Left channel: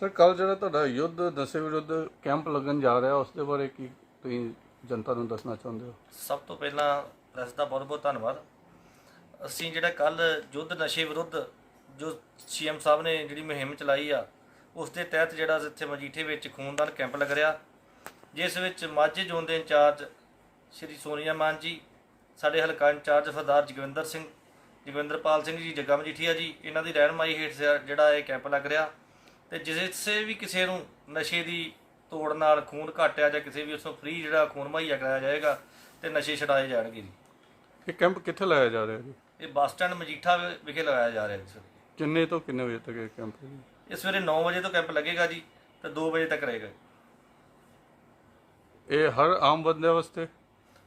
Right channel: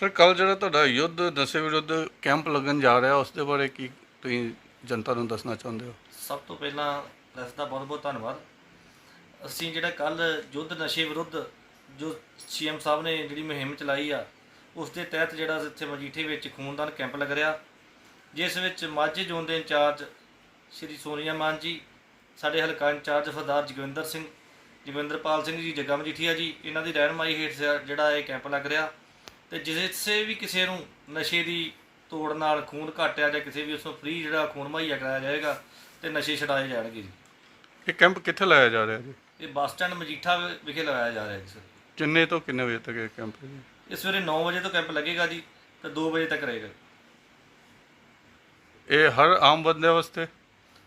Sir ਕੱਲ ਜਿਹੜਾ ਤੁਹਾਡਾ ਯੁੱਧ, ਨਸ਼ੇ ਵਿਰੁੱਧ ਕੈਂਪ ਲੱਗਣ ਜਾ ਰਿਹਾ, ਉਸ ਦੇ ਬਾਰੇ ਕੀ ਤੁਸੀਂ ਜਨਤਾ ਨੂੰ ਦੱਸਣਾ ਚਾਹੁੰਦੇ ਹੋ? ਸਭ ਤੋਂ ਪਹਿਲਾਂ ਪ੍ਰੈਸ ਦਾ ਬਹੁਤ ਬਹੁਤ ਧੰਨਵਾਦ। ਅਸੀਂ ਜਿਹੜਾ ਕੱਲ ਯੁੱਧ, ਨਸ਼ੇ ਵਿਰੁੱਧ ਜੋ ਸੀਐਮ ਸਾਹਿਬ ਨੇ ਜਿਹੜੀ ਮੁਹਿੰਮ ਚਲਾਈ ਆ, ਉਸ ਦੇ ਤਹਿਤ ਜਿਹੜਾ ਇੱਥੇ ਮਜੀਠੇ ਵਿੱਚ ਖੂਨਦਾਨ ਕੈਂਪ ਲੱਗ ਰਿਹਾ, ਜਿਸ ਵਿੱਚ ਮਾਝੇ ਜ਼ੋਨ ਦੇ ਇੰਚਾਰਜ ਸ਼੍ਰੀ ਸੋਨੀਆ ਮਾਨ ਜੀ, ਸਾਡੇ ਹਲਕਾ ਇੰਚਾਰਜ ਸਰਦਾਰ ਜਗਵਿੰਦਰ ਸਿੰਘ, ਜਗਵਿੰਦਰਪਾਲ ਸਿੰਘ ਜੀ, ਜੱਗਾ ਮਜੀਠੀਆ ਜੀ, ਇਹਨਾਂ ਦੀ ਰਹਿਨਮਾਈ ਹੇਠ ਜਿਹੜਾ ਇਹ ਕੈਂਪ ਲੱਗ ਰਿਹਾ। ਤੇ ਜਿਸੇ ਵੀ ਕਿਸੇ ਨੂੰ ਨਸ਼ੇ ਦੀ ਤੋੜ ਨਾਲ ਖੂਨ ਘਟਿਆ ਜਾਂ ਕਿਸੇ ਵੀ ਉਸ ਨੂੰ ਫ੍ਰੀ ਜਿਹੜਾ ਖੂਨ ਮੁਹੱਈਆ ਕਰਾਇਆ ਜਾਏਗਾ ਤੇ ਨਸ਼ੇ ਛਡਾਏ ਜਾਣਗੇ ਜੀ। ਇਹ ਕੈਂਪ ਕਿੱਥੇ ਲਾਇਆ ਜਾ ਰਿਹਾ ਜੀ? ਇਹ ਬੱਸ ਸਟੈਂਡ ਮਜੀਠਾ ਵਿਖੇ ਲਗਾਇਆ ਜਾ ਰਿਹਾ ਜੀ ਸਰ। ਕਿੰਨੇ ਤੋਂ ਕਿੰਨੇ ਵਜੇ ਤੱਕ ਇਹ ਕੈਂਪ ਹੈ ਜੀ? ਇਹ ਸਵੇਰੇ 9 ਵਜੇ ਤੋਂ ਕੈਂਪ ਲੱਗੇਗਾ ਜੀ ਤੇ 2 ਵਜੇ ਤੱਕ ਰਹੇਗਾ। ਇਹ ਹਰ ਆਮ ਬੰਦੇ ਵਾਸਤੇ?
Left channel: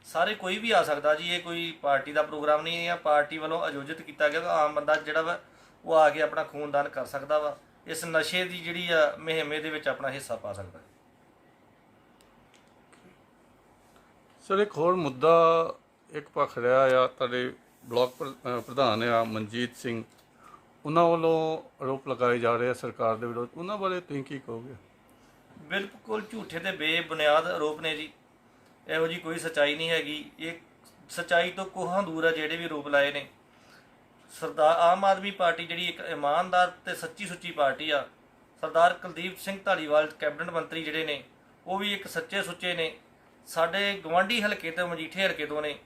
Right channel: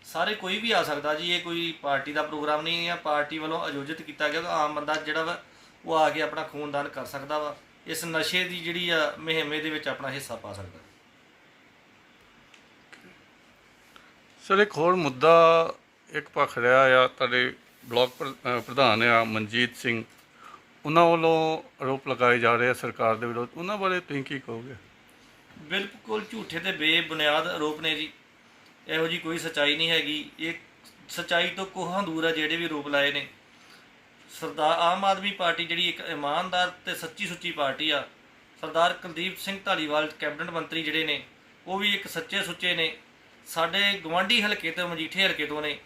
ਸਾਰੇ ਕੋਈ ਵੀ ਆ ਸਕਦਾ ਜੀ ਇਹ ਕੋਈ ਪਾਰਟੀ ਦਾ ਪ੍ਰੋਗਰਾਮ ਨਹੀਂ ਹੈ ਪਾਰਟੀ ਵੱਲੋਂ ਆਯੋਜਿਤ ਕੀਤਾ ਗਿਆ ਤਾਂ ਆਮ ਬੰਦਾ ਜਿਹੜਾ ਵਾ ਉਹ ਆ ਕੇ ਆਪਣਾ ਖੂਨਦਾਨ ਕਰ ਸਕਦਾ ਵਾ। ਇਸ ਨਸ਼ੇ ਦੀ ਜਿਹੜੀ ਆ ਮੁਹਿੰਮ ਦੇ ਵਿੱਚ ਆਪਣਾ ਹਿੱਸਾ ਪਾ ਸਕਦਾ। ਸਰ ਇੱਕ ਹੋਰ ਮੁੱਦਾ ਇੱਕ ਪੱਖ ਰਿਹਾ ਆ ਤੁਹਾਡੇ ਬਲਾਕ ਪ੍ਰਧਾਨ ਆ ਮਨਜੀਤ ਸਿੰਘ। ਉਹਨਾਂ ਵੱਲੋਂ ਆਰੋਪ ਲਗਾਏ ਜਾ ਰਹੇ ਆ ਸਰਕਾਰ ਦੇ ਵਿਰੁੱਧ। ਉਹਨਾਂ ਬਾਰੇ ਤੁਸੀਂ ਕੀ ਕਹੋਗੇ? ਬਿਲਕੁਲ ਝੂਠੇ ਤੇ ਬੇਬੁਨਿਆਦ ਆਰੋਪ ਨੇ ਜੀ। ਇਹੋ ਜੀ ਕੋਈ ਸਚਾਈ ਨਹੀਂ ਹੈਗੀ। ਇਹ ਸਚਾਈ ਤੋਂ ਕੋਹਾਂ ਦੂਰ ਆ ਜਿਹੜੇ ਵੀ ਆਰੋਪ ਲਾਏ ਨੇ। ਸਰਦਾਰ ਆਮ ਆਦਮੀ ਪਾਰਟੀ ਜਿਹੜੀ ਇੱਕ ਇਮਾਨਦਾਰ ਤੇ ਸੱਚੀ ਸੁੱਚੀ ਪਾਰਟੀ ਆ, ਸਰਦਾਰ ਕੁਲਦੀਪ ਸਿੰਘ ਢਾਲੀਵਾਲ ਕੈਬਨਿਟ ਮੰਤਰੀ ਜਿਹੜੇ ਨੇ, ਉਹ ਵੀ ਇੱਕ ਸੱਚੇ ਸੁੱਚੇ ਨੇ। ਸਾਡੇ ਗਵਾਂਢੀ ਹਲਕੇ ਤੋਂ ਮਜੀਠੇ ਹਲਕੇ ਤੋਂ ਨੇ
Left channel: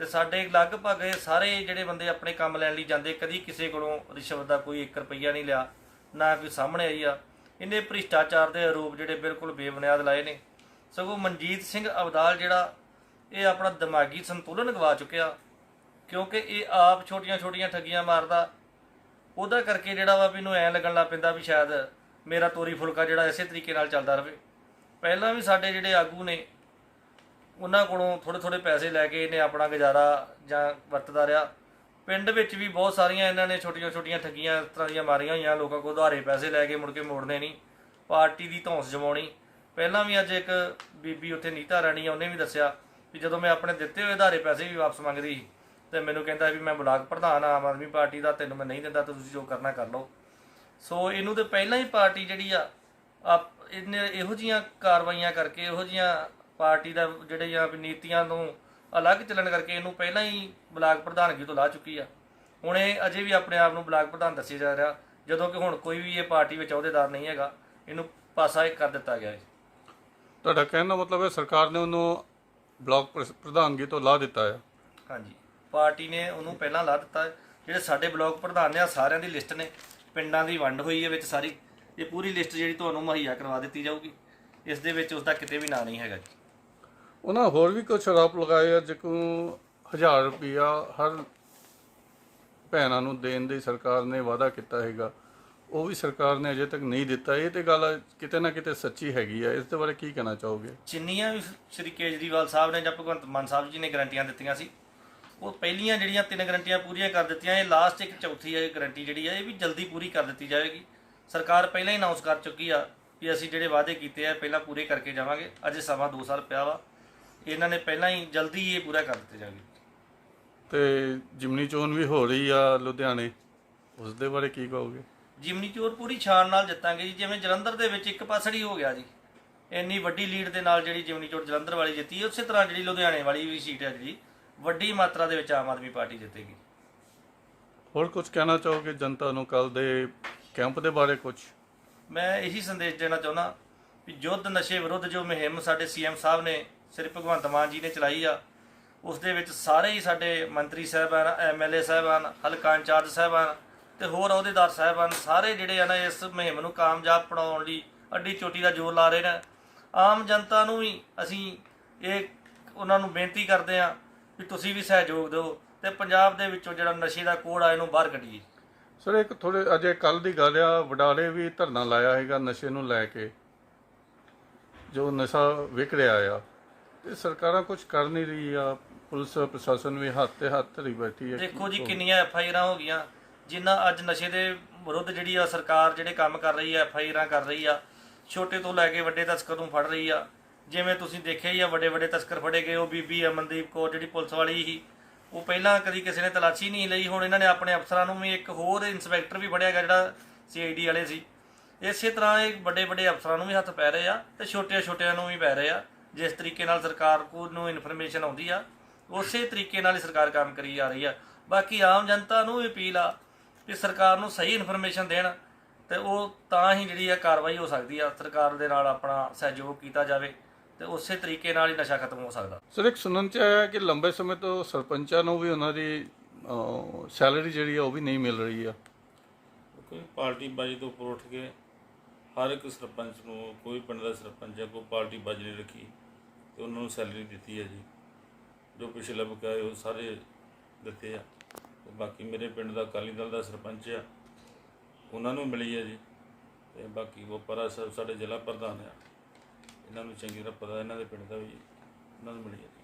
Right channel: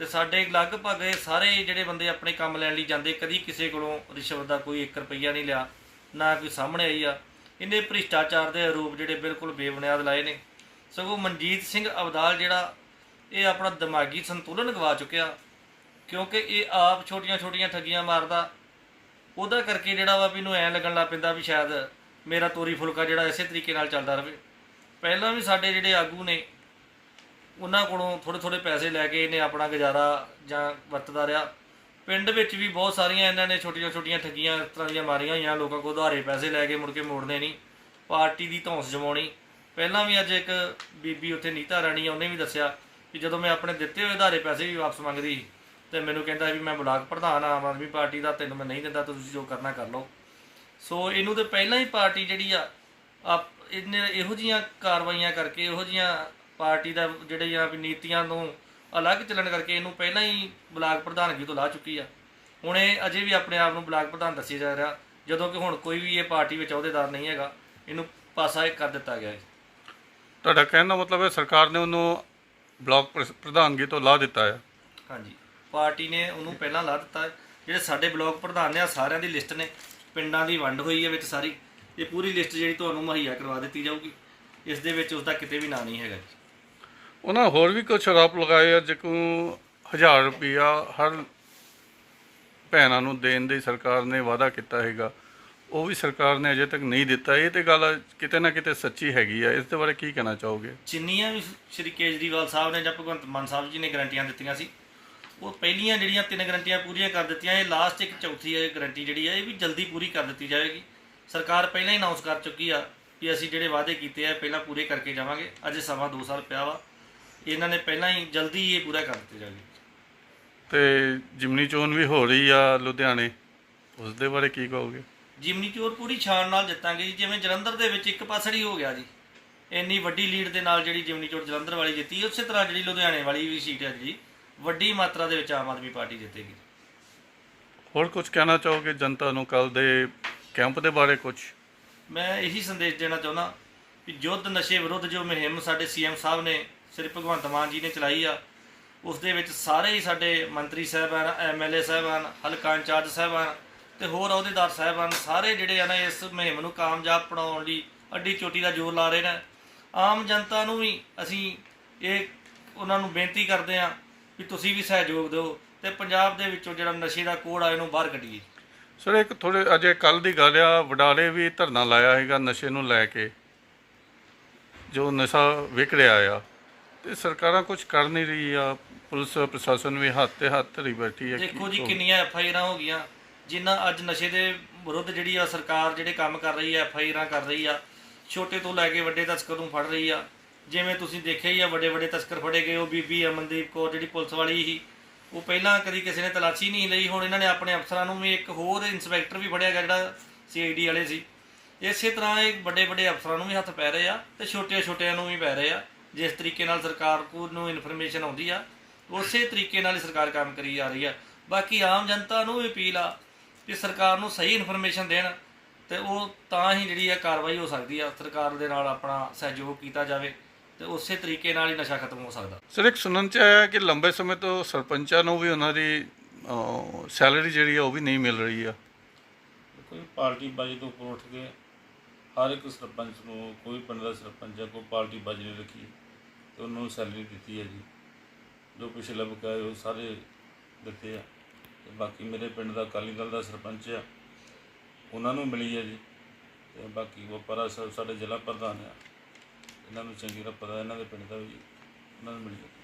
ਤੇ ਸਾਡੇ ਲਗਭਗ ਇਹ ਸਾਰੇ ਜਿਹੜੇ ਬੰਦੇ ਆਪਣੇ ਕੰਮ ਲੈਣ ਲਈ ਜਾਂਦੇ, ਕਦੀ ਕਿਸੇ ਕੋਲੋਂ ਰਿਸ਼ਵਤ ਦਾ ਕੋਈ 1 ਰੁਪਈਆ ਨਹੀਂ ਲਿਆ, ਨਾ ਕੋਈ ਸਾਹਮਣੇ ਆਈ ਆ। ਇਹਨੇ ਭ੍ਰਿਸ਼ਟਾਚਾਰ ਦੇ ਆਰੋਪ ਜਿਹੜੇ ਬਿਲਕੁਲ ਬੇਬੁਨਿਆਦ ਲਾਏ ਨੇ। ਸਗੋਂ ਮਨਜੀਤ ਸਿੰਘ ਅਬਦਾਲ ਜਿਹੜਾ, ਇਹ ਆਪਣਾ ਦਿਮਾਗੀ ਸੰਤੁਲਨ ਗਵਾ ਚੁੱਕਿਆ। ਕਿਉਂਕਿ ਇਹ ਆਪ ਛੋਟੀਆਂ-ਛੋਟੀਆਂ ਠੱਗੀਆਂ ਮਾਰਦਾ। ਉਹਦਾ ਕਰਕੇ ਜਿਹੜਾ ਵਾ ਵੀ ਇਹਨੂੰ ਐ ਲੱਗਣ ਲੱਗ ਪੈਂਦਾ ਵੀ ਸ਼ਾਇਦ ਮੇਰਾ ਤੋਰੀ ਫੁਲਕਾ ਜਿਹੜਾ ਇਸੇ ਤਰੀਕੇ ਨਾਲ ਚੱਲਦਾ ਰਹੇ ਪਹਿਲਾਂ ਵੀ ਸਾਡੇ ਜਿਹੜੇ ਆਗੂ ਨੇ, ਉਹਨਾਂ ਕੋਲੋਂ ਥੋੜੇ ਥੋੜੇ ਪੈਸੇ ਲੈ ਕੇ ਇਹਨੇ ਆਪਣਾ ਗੁਜ਼ਾਰਾ ਜਾਂ ਵਰਤਦਾ ਰਿਹਾ। ਪਿੰਡ ਵਿੱਚ ਵੀ ਬਹੁਤ ਸਾਰੀਆਂ ਇਹਨਾਂ ਨੇ ਛੋਟੀਆਂ ਛੋਟੀਆਂ ਠੱਗੀਆਂ ਇਸ ਤਰ੍ਹਾਂ ਦੀਆਂ ਮਾਰੀਆਂ ਹੋਈਆਂ, ਲੋਕਾਂ ਕੋਲ ਉਧਾਰੇ ਪੈਸੇ ਲੈ ਕੇ ਮੁੜ ਕੇ ਮੋੜਨੇ ਨਹੀਂ, ਪਾਰਟੀ ਦੀ ਧੌਂਸ ਜਮਾਉਣੀ। ਪਹਿਲਾਂ ਵੀ ਅੱਜ ਇੱਕ ਬੀਬੀ ਉੱਥੇ ਨੀਤਾ ਰਾਣੀ ਆ, ਉਹਨੇ ਵੀ ਦੱਸਿਆ ਕਿ ਜਦੋਂ ਮੈਂ ਆਪਣੇ ਦਿੱਤੇ ਹੋਏ ਉਧਾਰੇ ਪੈਸੇ ਵੀ ਵਾਪਸ ਮੰਗਦੀ ਸੀ ਤੇ ਮੈਨੂੰ ਕਹਿੰਦਾ ਵੀ ਮੈਂ ਬਲਾਕ ਪ੍ਰਧਾਨ ਆ ਆਮ ਆਦਮੀ ਪਾਰਟੀ ਦਾ ਤੈਨੂੰ ਮੈਂ ਨਹੀਂ ਦਿੰਦਾ ਤੁਸੀਂ ਜੋ ਕਰਨਾ ਕਰ ਲਓ। ਸੋ ਇਹਨੂੰ ਤੇ ਪਹਿਲਾਂ ਹੀ ਪਾਰਟੀ ਜਿਹੜੀ ਆ ਆਪ ਇਹਨੇ ਇਹੋ ਜੀਆਂ ਕਾਰਵਾਈਆਂ ਕਰਕੇ ਇਹੋ ਜੀਆਂ ਪਾਰਟੀ ਦਾ ਜਿਹੜੀਆਂ ਵੀ ਨੀਤੀਆਂ ਨੂੰ ਅਲੱਗ ਚੱਲਣ ਕਰਕੇ ਇਹਨੂੰ ਪਹਿਲਾਂ ਹੀ ਬਲਾਕ ਪ੍ਰਧਾਨਗੀ ਤੋਂ ਲਾ ਚੁੱਕੀ ਆ। ਹੁਣ ਇਹ ਅਜੇ ਵੀ ਆਪਣੇ ਆਪ ਨੂੰ ਬਲਾਕ ਪ੍ਰਧਾਨ ਦੱਸਿਆ ਜਾ ਰਿਹਾ ਜਦੋਂ ਕਿ ਹੁਣ ਕੋਈ ਵੀ ਇਹ ਪਾਰਟੀ ਵਿੱਚ ਅਹੁਦੇਦਾਰ ਨਹੀਂ ਹੈਗਾ ਇਹਨੂੰ ਪਾਸਾ ਇੱਕ ਕਰ ਦਿੱਤਾ ਗਿਆ ਹੈ। ਤੁਹਾਡਾ ਕਹਿਣ ਦਾ ਮਤਲਬ ਹੈ ਸਰਕਾਰ ਨੇ ਉਹਨੂੰ ਬਲਾਕ ਪ੍ਰ- ਪ੍ਰਧਾਨਗੀ ਤੋਂ ਲਾ ਦਿੱਤਾ ਹੈ ਹਾਂਜੀ। ਪਾਰਟੀ ਨੇ ਉਹਨੂੰ ਪਹਿਲਾਂ ਲਾ ਦਿੱਤਾ। ਜਿਹੜੇ ਸਾਡੇ ਬਲਾਕ ਪ੍ਰਧਾਨ ਨੇ ਆ ਸਾਰਿਆਂ ਦੀ ਲਿਸਟ ਨੇ। ਪਿੰਡਾਂ ਦੀ ਵੰਡ ਹੋਈ ਹੈ ਵਿੱਚ ਸਾਰੀ। ਇਹ ਪੂਰੀ ਲਿਸਟ ਜਿਹੜੀ ਤੁਹਾਨੂੰ ਮੁਹੱਈਆ ਕਰਵਾ ਦਿੱਤੀ ਜਾਊਗੀ। ਇਸ ਦੇ ਵਿੱਚ ਉਸ ਦਾ ਕਿਤੇ ਵੀ ਨਾਂ ਨਹੀਂ ਹੈਗਾ ਜੀ। ਉਹਨਾਂ ਹੋਰ ਵੀ ਕੁਝ ਆਰੋਪ ਲਗਾਏ ਆ ਜਿਕੂ 1000 ਰੁਪਿਆ ਹਰ ਭੈਣਾਂ ਨੂੰ ਦੇਣ ਦੀ ਸਰਕਾਰ ਨੇ ਵਾਅਦਾ ਕੀਤਾ ਹੈਗਾ। ਉਹ ਵੀ ਸਰਕਾਰ ਨੇ ਅਜੇ ਤੱਕ ਨਹੀਂ ਦਿੱਤਾ। ਇਹ ਤੇ ਗੱਲ ਕਿਤੇ ਨਾ ਕਿਤੇ ਸੱਚੀ ਹੈਗੀ ਆ। ਇਸ ਦੇ ਬਾਰੇ ਕੀ ਕਹਿਣਾ ਚਾਹੋਗੇ? ਜਿੰਨੀਆਂ ਵੀ ਸ਼੍ਰੀ ਕੇਜਰੀਵਾਲ ਸਾਹਿਬ ਨੇ ਜਾਂ ਭਗਵੰਤ ਮਾਨ ਸਾਹਿਬ ਜੀ ਨੇ ਗਰੰਟੀਆਂ ਦਿੱਤੀਆਂ ਸੀ ਉਹ ਪਹਿਲੀਆਂ ਜਿਹੜੀਆਂ ਤਿੰਨ ਗਰੰਟੀਆਂ ਪੂਰੀਆਂ ਕਰ ਦਿੱਤੀਆਂ ਇਹ ਲਾਸਟ ਇੱਕ ਚੌਥੀ ਹੈ ਗਰੰਟੀ ਜਿਹੜੀ ਹੈ ਇਹ ਵੀ ਜਲਦੀ ਪੂਰੀ ਕਰ ਦਿੱਤੀ ਜਾਏਗੀ ਸਰਕਾਰ ਪਹਿਲਾਂ ਹੀ ਅਨਾਉਂਸ ਕਰ ਚੁੱਕੀ ਆ ਕਿ ਅਸੀਂ ਜਿਹੜੇ ਵਾਅਦੇ ਕੀਤੇ ਆ ਪਹਿਲਾਂ ਪੂਰੇ ਕਰਕੇ ਜਾਵਾਂਗੇ। ਅਜੇ ਸਮਾਂ 2 ਸਾਲ ਪਿਆ ਵਾ। ਇਹਨਾਂ ਨੇ ਪਹਿਲਾਂ ਹੀ ਜਲਦੀ ਇਹ ਪੂਰਾ ਕਰ ਦਿੱਤੇ ਜਾਣਗੇ। ਤੇ ਜਿਮਨੀ ਚੋਣ ਵੀ ਹੋ ਰਹੀ ਆ ਲੁਧਿਆਣੇ ਉਸ ਦੇ ਬਾਰੇ ਕੀ ਕਹੋਗੇ? ਜਿਮਨੀ ਚੋਰ ਪੂਰੀ ਛਾਣ ਨਾਲ ਜਿੱਤਾਂਗੇ ਜੀ। ਜਿਵੇਂ ਜਲੰਧਰ ਦੇ ਵਿੱਚ ਇੱਕ ਪਾਸੜੀ ਹੋ ਗਿਆ ਜੀ। ਇੰਨੀ ਵੱਡੀ ਲੀਡ ਦੇ ਨਾਲ ਜਿਹੜੀ ਜਿਮਨੀ ਚੋਰ ਜਲੰਧਰ ਵਾਲੀ ਜਿੱਤੀ ਉਸੇ ਤਰ੍ਹਾਂ ਜਿਹੜੀ ਲੁਧਿਆਣੇ ਵਾਲੀ ਵੀ ਸੀਟ ਹੈ ਜੀ। ਵੱਡੀ ਮਾਤਰਾ ਦੇ ਵਿੱਚ ਆਮ ਆਦਮੀ ਪਾਰਟੀ ਜਿੱਤੇਗੀ। ਹੋਰ ਕੁਝ ਕਹਿਣਾ ਚਾਹੋਗੇ ਜਨਤਾ ਨੂੰ ਕੱਲ ਦੇ ਕੈਂਪ ਦੇ ਬਾਰੇ ਕੁਝ ਮੈਂ ਇਹੀ ਸੰਦੇਸ਼ ਦੇਣਾ ਚਾਹੁੰਦਾ ਕਿ ਯੁੱਧ ਨਸ਼ੇ ਵਿਰੁੱਧ ਜੋ ਮੁਹਿੰਮ ਸਾਡੇ ਸੀਐਮ ਸਾਹਿਬ ਨੇ ਸ੍ਰੀ ਭਗਵੰਤ ਮਾਨ ਜੀ ਨੇ ਚਲਾਈ ਆ ਉਸ ਦੇ ਵਿੱਚ ਸਾਰੇ ਹੀ ਸਾਡੇ ਮੰਤਰੀ ਸਾਹਿਬਾਨ ਐਮਐਲਏ ਸਾਹਿਬਾਨ ਹਲਕਾ ਇੰਚਾਰਜ ਸਾਹਿਬਾਨ ਤੇ ਹੋਰ ਅਹੁਦੇਦਾਰ ਸਾਹਿਬਾਨ ਸਾਰੇ ਜਿਹੜੇ ਆ ਨਾ ਇਸ ਮੁਹਿੰਮ ਨੂੰ ਕਾਮਯਾਬ ਬਣਾਉਣ ਲਈ ਅੱਡੀ ਚੋਟੀ ਦਾ ਜ਼ੋਰ ਲਾ ਰਹੇ ਨੇ। ਆਮ ਜਨਤਾ ਨੂੰ ਵੀ ਅਸੀਂ ਇਹ ਉਹਨਾਂ ਨੂੰ ਬੇਨਤੀ ਕਰਦੇ ਆ ਵੀ ਤੁਸੀਂ ਵੀ ਸਹਿਯੋਗ ਦਿਓ ਤੇ ਪੰਜਾਬ ਦੇ ਵਿੱਚੋਂ ਜਿਹੜਾ ਨਸ਼ੇ ਦਾ ਕੋੜ ਆ ਇਹਨੂੰ ਬਾਹਰ ਕੱਢੀਏ। ਸਰ ਇੱਕ ਥੋੜੇ ਅਜੇ ਕੱਲ ਦੀ ਗੱਲ ਆ ਵਡਾਲੇ ਵੀ ਧਰਨਾ ਲਾਇਆ ਹੈਗਾ ਨਸ਼ੇ ਨੂੰ ਲੈ ਕੇ ਜੋ ਨਸ਼ਾ ਵਿਕ ਰਿਹਾ ਆ। ਤੇ ਸਰਕਾਰਾਂ ਕੁਝ ਕਰ ਨਹੀਂ ਰਹੀ ਆ ਪੁਲਿਸ ਪ੍ਰਸ਼ਾਸਨ ਵੀ ਹੱਥ ਤੇ ਹੱਥ ਧਰੀ ਬੈਠੀ ਹੈ ਦੇਖੋ ਜੀ ਕਿੰਨੀਆਂ ਐਫ ਆਈ ਆਰਾਂ ਹੋ ਗਈਆਂ ਜਿਨ੍ਹਾਂ ਅੱਜ ਨਸ਼ੇ ਦੇ ਵਿਰੁੱਧ ਜਿਹੜੀ ਆ ਸਰਕਾਰ ਜਿਹੜੇ ਕੰਮ ਕਰ ਰਹੀ ਆ ਐਫ ਆਈ ਆਰਾਂ ਕਰ ਰਹੀ ਆ ਛੋਟੇ ਤੋਂ ਲੈ ਕੇ ਵੱਡੇ ਤਸਕਰ ਨੂੰ ਫੜ ਰਹੀ ਆ। ਜਿਵੇਂ ਤੁਸੀਂ ਦੇਖਿਆ ਹੀ ਆ, ਵੱਡੇ ਵੱਡੇ ਤਸਕਰ ਫੜੇ ਗਏ, ਉਹ ਬੀਬੀ ਅਮਨਦੀਪ ਕੌਰ ਜਿਹੜੀ ਪੁਲਿਸ ਵਾਲੀ ਸੀ, ਉਹ ਪਹਿਲਾਂ ਕਦੀ ਕਿਸੇ ਨੇ ਤਲਾਸ਼ੀ ਨਹੀਂ ਲਈ, ਹੁਣ ਇਹਨਾਂ ਨੇ ਆਪਣੇ ਅਫਸਰਾਂ ਨੂੰ ਵੀ ਇੱਕ ਹੋਰ ਇੰਸਪੈਕਟਰ ਵੀ ਫੜਿਆ ਗਿਆ, ਜਿਹੜਾ ਸੀਆਈਡੀ ਵਾਲੇ ਸੀ। ਇਸੇ ਤਰ੍ਹਾਂ ਇਹ ਵੱਡੇ ਵੱਡੇ ਅਫਸਰਾਂ ਨੂੰ ਵੀ ਹੱਥ ਪੈ ਰਹੇ ਆ ਤੇ ਛੋਟੇ ਛੋਟਿਆਂ ਨੂੰ ਵੀ ਪੈ ਰਹੇ ਆ। ਜਿਸ ਤਰੀਕੇ ਨਾਲ ਸਰਕਾਰ ਕੋ ਨੂੰ ਇਨਫੋਰਮੇਸ਼ਨ ਆਉਂਦੀ ਆ, ਉਸੇ ਤਰੀਕੇ ਨਾਲ ਹੀ ਸਰਕਾਰ ਕੰਮ ਕਰੀ ਜਾ ਰਹੀ ਆ। ਬਾਕੀ ਆਮ ਜਨਤਾ ਨੂੰ ਵੀ ਅਪੀਲ ਆ ਕਿ ਸਰਕਾਰ ਨੂੰ ਸਹੀ ਇਨਫੋਰਮੇਸ਼ਨ ਦੇਣ ਤੇ ਉਹ ਤਾਂ ਹੀ ਜਿਹੜੀ ਆ ਕਾਰਵਾਈ ਹੋ ਸਕਦੀ ਆ, ਸਰਕਾਰ ਦੇ ਨਾਲ ਆਪਣਾ ਸਹਿਯੋਗ ਕੀਤਾ ਜਾਵੇ। ਤੇ ਉਸੇ ਤਰੀਕੇ ਨਾਲ ਹੀ ਨਸ਼ਾ ਖਤਮ ਹੋ ਸਕਦਾ। ਸਰ ਇੱਕ ਸੁਣਨ ਚ ਆਇਆ ਕਿ ਲੰਬੇ ਸਮੇਂ ਤੋਂ ਸਰਪੰਚਾਂ ਨੂੰ ਵੀ ਉਹਨਾਂ ਦੀ ਸੈਲਰੀ ਜਿਹੜੀ ਆ ਉਹ ਵੀ ਨਹੀਂ ਮਿਲ ਰਹੀ ਆ। ਕੋਈ ਪਾਰਟੀ ਬਾਜੀ ਤੋਂ ਉੱਪਰ ਉੱਠ ਕੇ ਹਰ ਇੱਕ ਸਰਪੰਚ ਨੂੰ ਕੋਈ ਪਿੰਡ ਦਾ ਸਰਪੰਚ ਹੈ ਕੋਈ ਪਾਰਟੀ ਬਾਜੀ ਨਹੀਂ ਰੱਖੀ ਤੇ ਉਹਨਾਂ ਨੂੰ ਸੈਲਰੀ ਦਿੱਤੀ ਹੈ ਜੀ। ਜੋ ਪਿਛਲੇ ਬਕਾਏ ਉਹ ਸਾਰੇ ਦਿੱਤੇ ਆ। ਤੇ ਬਾਕੀ ਮੇਰੇ ਪਿੰਡ ਦਾ ਅਕਾਲੀ ਦਲ ਦਾ ਸਰਪੰਚ ਆ ਉਹਨਾਂ ਨੂੰ ਮਿਲੀ ਹੈ ਜੀ। ਤੇ ਬਾਕੀ ਉਹ ਪਰਾ ਸਾਹਿਬ ਸਾਡੇ ਜ਼ਿਲ੍ਹਾ ਪ੍ਰਧਾਨ ਆ। ਇਹਨਾਂ ਨੂੰ ਚੰਗੀ ਤਰ੍ਹਾਂ ਪਤਾ, ਇਹਨਾਂ ਦੇ ਪਿੰਡ ਦਾ ਵੀ ਉਹਨਾਂ ਨੂੰ ਮਿਲੀ ਹੈ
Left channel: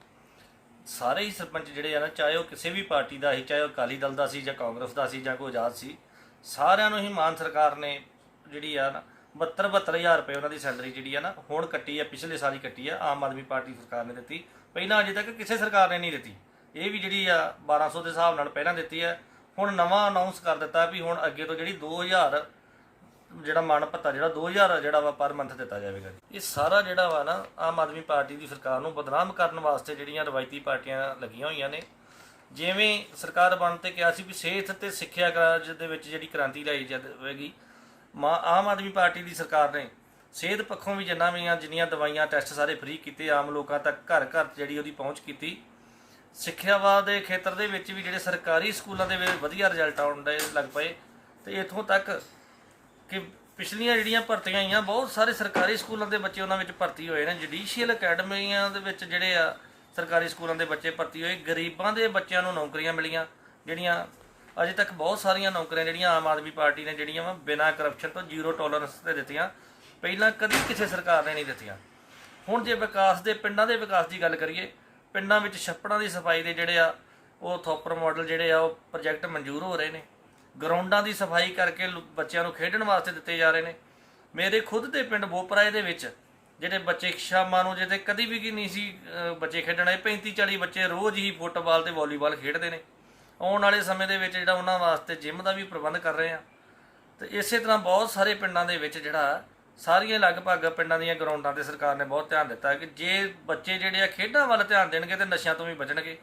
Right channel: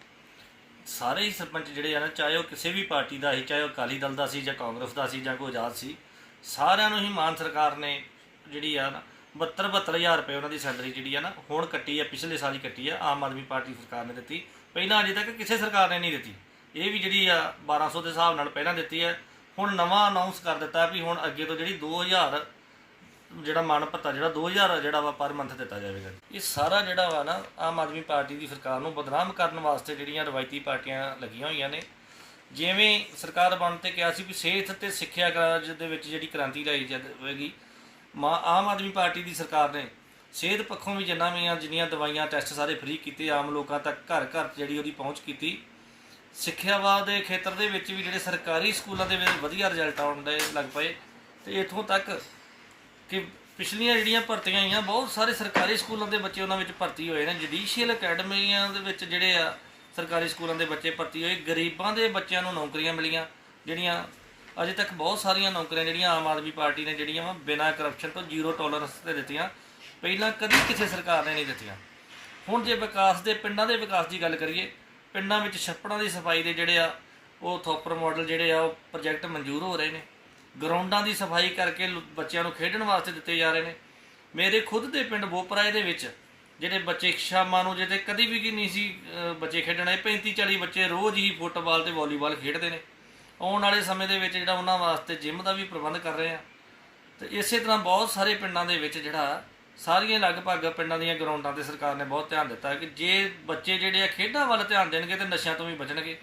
ਸਾਰੇ ਹੀ ਸਰਪੰਚ ਜਿਹੜੇ ਆ ਨਾ, ਚਾਹੇ ਉਹ ਕਿਸੇ ਵੀ ਪਾਰਟੀ ਦਾ ਸੀ, ਚਾਹੇ ਉਹ ਅਕਾਲੀ ਦਲ ਦਾ ਸੀ, ਜਾਂ ਕਾਂਗਰਸ ਦਾ ਸੀ, ਜਾਂ ਕੋਈ ਆਜ਼ਾਦ ਸੀ, ਸਾਰਿਆਂ ਨੂੰ ਹੀ ਮਾਨ ਸਰਕਾਰ ਨੇ ਜਿਹੜੀ ਆ ਨਾ 72 72000 ਰੁਪਏ ਉਹਨਾਂ ਦੀ ਸੈਲਰੀ ਜਿਹੜੀ ਆ ਨਾ, ਹੁਣ ਕੱਟੀ ਆ, ਪਿਛਲੇ ਸਾਲ ਹੀ ਕੱਟੀ ਆ, ਆਮ ਆਦਮੀ ਪਾਰਟੀ ਸਰਕਾਰ ਨੇ ਦਿੱਤੀ। ਪਹਿਲਾਂ ਅਜੇ ਤੱਕ ਕਿਸੇ ਸਰਕਾਰ ਨੇ ਨਹੀਂ ਦਿੱਤੀ। ਇਹ ਵੀ ਜਿਹੜੀ ਆ 1200 ਦੇ ਹਿਸਾਬ ਨਾਲ ਪਹਿਲਾਂ ਦਿੱਤੀ ਹੈ ਹੁਣ ਨਵਾਂ ਅਨਾਉਂਸ ਕਰ ਦਿੱਤਾ ਵੀ ਹੁਣ ਅੱਗੇ ਤੋਂ ਜਿਹੜੀ 2000 ਜਿਹੜਾ ਮਾਨ ਭੱਤਾ ਜਿਹੜਾ 2000 ਜਿਹੜਾ ਵਾ ਪਰ ਮੰਥ ਦਿੱਤਾ ਜਾਵੇਗਾ ਇਹ ਸਾਰਾ ਜਿਹੜਾ ਵਾ ਨਾ ਆਮ ਆਦਮੀ ਪਾਰਟੀ ਦੀ ਸਰਕਾਰ ਨੂੰ ਬਦਨਾਮ ਕਰਨ ਵਾਸਤੇ ਜਿਹੜੀਆਂ ਰਵਾਇਤੀ ਪਾਰਟੀਆਂ ਲੱਗੀਆਂ ਹੋਈਆਂ ਨੇ, ਜਿਵੇਂ ਸਰਕਾਰ ਬਣ ਤੇ ਕਿਹਾ ਸੀ ਵੀ ਸਿਹਤ ਤੇ ਸਿੱਖਿਆ ਕਾਰਜ ਦੇ ਵਿੱਚ ਜਿਹੜੀ ਕ੍ਰਾਂਤੀ ਲਿਆਈ ਜਾਵੇਗੀ, ਮਾ ਆਮ ਆਦਮੀ ਪਾਰਟੀ ਦੀ ਸਰਕਾਰ ਨੇ ਸਿਹਤ ਪੱਖੋਂ ਵੀ ਜਿੰਨਾ ਵੀ ਆ, ਜਿੰਨੀਆਂ ਦਵਾਈਆਂ ਟੈਸਟ ਸਾਰੇ ਫ੍ਰੀ ਕੀਤੇ, ਆਮ ਲੋਕਾਂ ਤੱਕ ਘਰ ਘਰ ਜਿਹੜੀ ਉਹਦੀ ਪਹੁੰਚ ਕੀਤੀ ਸਿੱਖਿਆਵਾਦ ਦੇ ਖੇਤਰ ਦੇ ਵਿੱਚ ਵੀ ਜਿਹੜੇ ਸਰਕਾਰੀ ਸਕੂਲਾਂ ਦੇ ਵਿੱਚ ਵਧੀਆ ਰਿਜ਼ਲਟ ਆਉਣ ਦੇ ਲੱਗ ਪਏ, ਤੇ ਇਥੋਂ ਤੱਕ ਕਿ ਪਿਛਲੀਆਂ ਜਿਹੜੀਆਂ ਭਰਤੀਆਂ ਆਈਆਂ, ਬਹੁਤ ਸਾਰੇ ਸਰਕਾਰੀ ਸਕੂਲਾਂ ਦੇ ਬੱਚੇ ਉਹਨਾਂ ਵਿੱਚ ਭਰਤੀ ਹੋਏ ਨੇ। ਜੁਡੀਸ਼ੀਅਲ ਅਕੈਡਮੀਆਂ ਦੇ ਵਿੱਚ ਜਿਹੜੇ ਆ ਸਰਕਾਰੀ ਸਕੂਲਾਂ ਦੇ ਬੱਚੇ ਭਰਤੀ ਹੋਏ। ਗਰੀਬਾਂ ਦੇ ਬੱਚਿਆਂ ਨੂੰ ਨੌਕਰੀਆਂ ਮਿਲੀਆਂ, ਜਿਹੜੀਆਂ ਅਜੇ ਤੱਕ ਬਹੁਤ ਸਾਰੀਆਂ ਨੌਕਰੀਆਂ ਜਿਹੜੀਆਂ ਆਮ ਆਦਮੀ ਪਾਰਟੀ ਨੇ ਜਿਹੜੀਆਂ ਵਾ, ਬਿਨਾਂ ਕਰਪਸ਼ਨ ਤੋਂ ਜ਼ੀਰੋ ਟੋਲਰੈਂਸ ਤੇ ਦਿੱਤੀਆਂ। ਪਹਿਲਾਂ ਕਦੀ ਕਿਸੇ ਸਰਕਾਰ ਨੇ ਨਹੀਂ ਦਿੱਤੀਆਂ। ਹੁਣ ਜੇ ਵਿਕਾਸ ਦੇ, ਪਿੰਡਾਂ ਦੇ ਵਿਕਾਸ ਦੀ ਗੱਲ ਕਰੀਏ, ਪਿੰਡਾਂ ਵਿੱਚ ਛੱਪੜਾਂ ਦੀ ਸਫ਼ਾਈ ਦੇ ਜਿਹੜੇ ਆ, ਉਹ ਥੋਪਰ ਮਾਡਲ ਜਿਹੜੇ ਆ, ਉਹ ਪ੍ਰੋਜੈਕਟ ਮਨਜ਼ੂਰ ਹੋ ਰਹੇ ਨੇ। ਗਰਾਊਂਡਾਂ ਦੀ ਸਫ਼ਾਈ ਕਰਕੇ ਲੋ- ਬੱਚਿਆਂ ਨੂੰ ਖੇਡਣ ਵਾਸਤੇ ਦਿੱਤੇ ਜਾ ਰਹੇ ਨੇ। ਮੇਰੇ ਖੁਦ ਦੇ ਪਿੰਡ ਬੋਪਰਾਏ ਦੇ ਵਿੱਚ, ਜਿਹੜੇ ਬੱਚੇ ਸ਼ਾਮਾਂ ਨੂੰ ਜਿਹਦੇ ਕਦੀ ਵੀ ਕੀ ਨਹੀਂ ਸੀ ਬੱਚੇ ਖੇਡਣ ਆਏ 35 40 ਬੱਚੇ ਰੋਜ਼ ਹੀ ਫੁੱਟਬਾਲ ਤੇ ਵਾਲੀਬਾਲ ਖੇਡਦੇ ਨੇ। ਆਉਣ ਵਾਲੇ ਸਮੇਂ ਦੇ ਵਿੱਚ ਜਿਹੜਾ ਉਹਨਾਂ ਵਾਸਤੇ ਜਿਮ ਦਾ ਵੀ ਪ੍ਰਬੰਧ ਕਰ ਰਹੇ ਆ ਤੇ ਇਸੇ ਤਰ੍ਹਾਂ ਬਹੁਤ ਸਾਰੇ ਪਿੰਡਾਂ ਦੇ ਵਿੱਚ ਜਿਹੜਾ ਸਾਰੀਆਂ ਲਗਭਗ ਪਿੰਡਾਂ ਦੀਆਂ ਗਰਾਊਂਡਾਂ ਤੇ ਸਰਕਾਰ ਨੇ ਬਹੁਤ ਧਿਆਨ ਦਿੱਤਾ ਕਿ ਜੇ ਬੱਚੇ ਜਿਹੜੇ ਆ ਖੇਡਾਂ ਵੱਲ ਧਿਆਨ ਦੇਣਗੇ ਤੇ ਨਸ਼ਿਆਂ ਤੋਂ ਵੀ ਬਚਣਗੇ।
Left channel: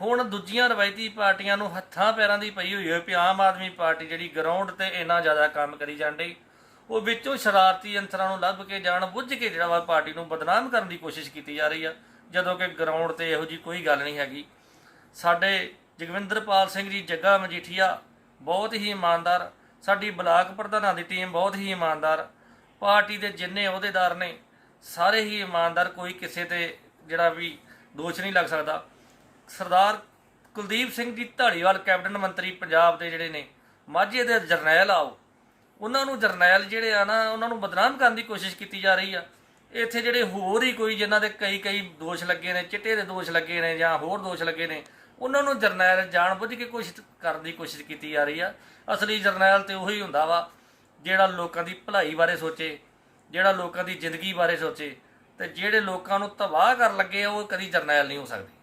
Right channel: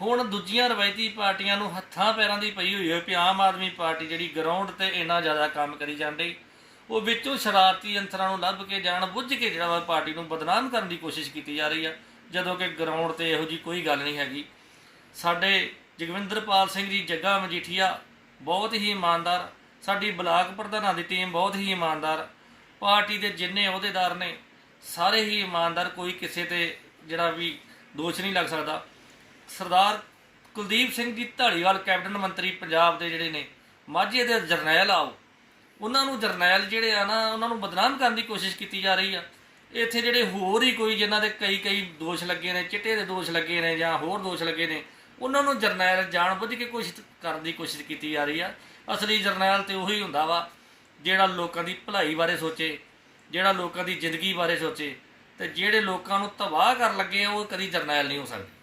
ਹੁਣ ਦੂਜੀਆਂ ਰਵਾਇਤੀ ਪਾਰਟੀਆਂ ਨੂੰ ਹੱਥਾਂ ਪੈਰਾਂ ਦੀ ਪਈ ਹੋਈ ਹੈ ਕਿ ਆਮ ਆਦਮੀ ਪਾਰਟੀ ਜਿਹੜੀ ਗਰਾਊਂਡ ਤੇ ਇੰਨਾ ਜ਼ਿਆਦਾ ਕੰਮ ਕਰੀ ਜਾਂਦੀ, ਉਹ ਵਿੱਚੋਂ ਸ਼ਰਾਰਤੀ ਅੰਤਰਾਂ ਨੂੰ ਲੱਭ ਕੇ ਜਾਣ ਬੁੱਝ ਕੇ ਜਿਹੜਾ ਵਾ ਪਾਰਟੀ ਨੂੰ ਬਦਨਾਮ ਕਰਨ ਦੀ ਕੋਸ਼ਿਸ਼ ਕੀਤੀ ਜਾ ਰਹੀ ਆ, ਜਦੋਂ ਕਿ ਗਰਾਊਂਡ ਤੇ ਇਹੋ ਜੀ ਕੋਈ ਗੱਲ ਨਹੀਂ ਹੈਗੀ। ਸਾਡੇ ਜਗਵਿੰਦਰਪਾਲ ਸਿੰਘ ਜੀ ਜੱਗਾ ਮਜੀਠੀਆ ਬਹੁਤ ਹੀ ਇਮਾਨਦਾਰ, ਸਾਡੀ ਬਲਾਕ ਪ੍ਰਧਾਨਾਂ ਦੀ ਟੀਮ ਬਹੁਤ ਹੀ ਇਮਾਨਦਾਰ, ਪਾਰਟੀ ਦੇ ਜਿੰਨੇ ਅਹੁਦੇਦਾਰ ਨੇ, ਸਾਰੇ ਹੀ ਇਮਾਨਦਾਰ, ਕੋਈ ਕਿਸੇ ਤੇ ਜਿਹੜਾ ਵੀ ਦੋਸ਼ ਨਹੀਂ ਲੱਗ ਸਕਦਾ। ਸਰਦਾਰ ਕੁਲਦੀਪ ਸਿੰਘ ਜੀ ਢਾਲੀਵਾਲ ਕੈਬਨਿਟ ਮੰਤਰੀ ਪੰਜਾਬ ਦੇ ਜਿਹੜੇ ਨੇ, ਮਾਝੇ ਦੇ ਜਰਨੈਲ ਆਓ ਉਹਨਾਂ ਨੂੰ ਜਰਨੈਲ ਜਿਹੜੇ ਆ ਨਾ, ਉਹਨਾਂ ਨੂੰ ਬਦਨਾਮ ਕਰਨ ਦੀ ਕੋਸ਼ਿਸ਼ ਕੀਤੀ ਜਾ ਰਹੀ ਆ। ਇੱਥੇ ਜਿਹੜੇ ਹੋਰ ਹੀ ਕੋਈ ਜਿਨ੍ਹਾਂ ਦੇ ਕਈ ਕਈ ਦੋਸ਼ ਲੱਗੇ ਨੇ, ਚਿੱਟੇ ਦੇ ਦੋਸ਼ ਲੱਗੇ ਨੇ ਜਾਂ ਹੋਰ ਦੋਸ਼ ਲੱਗੇ ਨੇ, ਉਹਨਾਂ ਨੂੰ ਜਰਨੈਲ ਜਾਣਬੁੱਝ ਕੇ ਕੋਸ਼ਿਸ਼ ਕਰਨ ਦੀ ਕੋਸ਼ਿਸ਼ ਕੀਤੀ ਜਾ ਰਹੀ ਆ। ਅਸਲੀ ਜਰਨੈਲ ਤੇ ਉਹੀ ਹੁੰਦਾ ਵਾ, ਜਿਹੜਾ ਲੋਕਾਂ ਦੀ ਭਲਾਈ ਬਾਰੇ ਸੋਚੇ, ਜਿਹੜਾ ਲੋਕਾਂ ਦੀ ਜ਼ਿੰਦਗੀ ਬਾਰੇ ਸੋਚੇ, ਤੇ ਜਿਹੜੇ ਲੋਕਾਂ ਨੂੰ ਤਬਾਹ ਕਰਨ ਲੱਗੇ ਉਹ ਕਦੀ ਜਰਨੈਲ ਨਹੀਂ ਹੋ ਸਕਦੇ।